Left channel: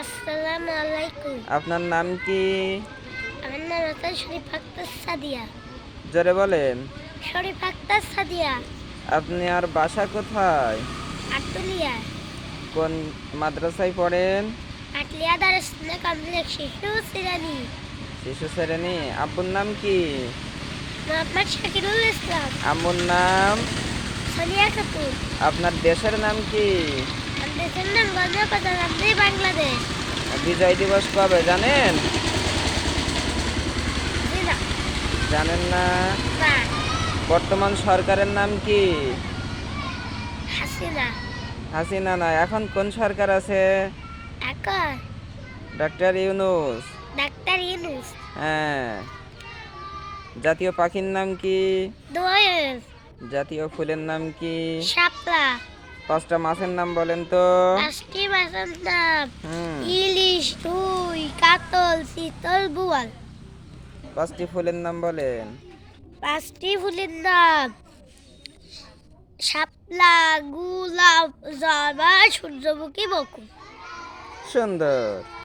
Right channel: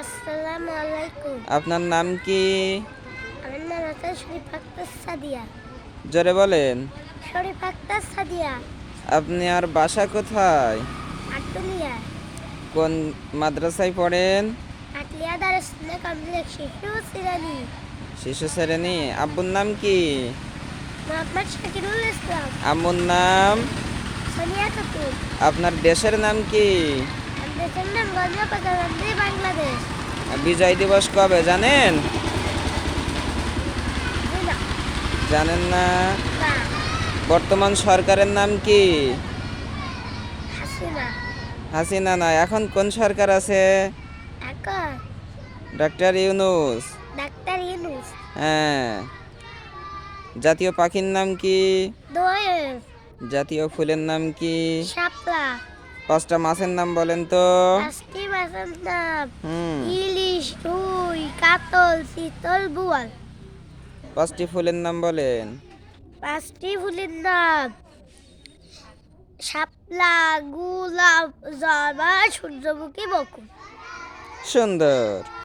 আসসালামু আলাইকুম। আপনার নাম কি? আমার নাম হচ্ছে শরীফ আক্তার সাদিয়া। জোরে বলেন। শরীফ আক্তার সাদিয়া। আপনি আর বাসা কোথায়? আটলিয়া। কোন মাদ্রাসায় পড়েন? আটলিয়া দারুস কমপ্লেক্স শিশু শ্রেণী। শিশু শ্রেণী। আব্বুর নাম কি? মোহাম্মদ শাকিরুল ইসলাম। আম্মুর নাম? সোনিয়া খাতুন। আপনার দেশের নাম কি? আমার দেশের নাম গণপ্রজাতন্ত্রী বাংলাদেশ। বিজয় দিবস কবে জানেন? জি না। জানেন না? না। বর্তমান সরকারের নাম কি? হাসিনা। হাসিনা না, এখন কোন সরকার আছে? এখন ডক্টর ইউনূস। ডাক্তার ইউনূস। হ্যাঁ। জাতীয় পাখির নাম কি? দোয়েল। জাতীয় ফুলের নাম কি? শাপলা। 5টা মাছের নাম বলেন তো। পাঁচটি মাছের নাম হুম। ইলিশ, রুই, কাতল, চিতল, বোয়াল। 5টি ফুলের নাম বলেন। পাঁচটি ফুলের নাম শাপলা, গোলাপ, জবা, সূর্যমুখী, বকুল। সুন্দর।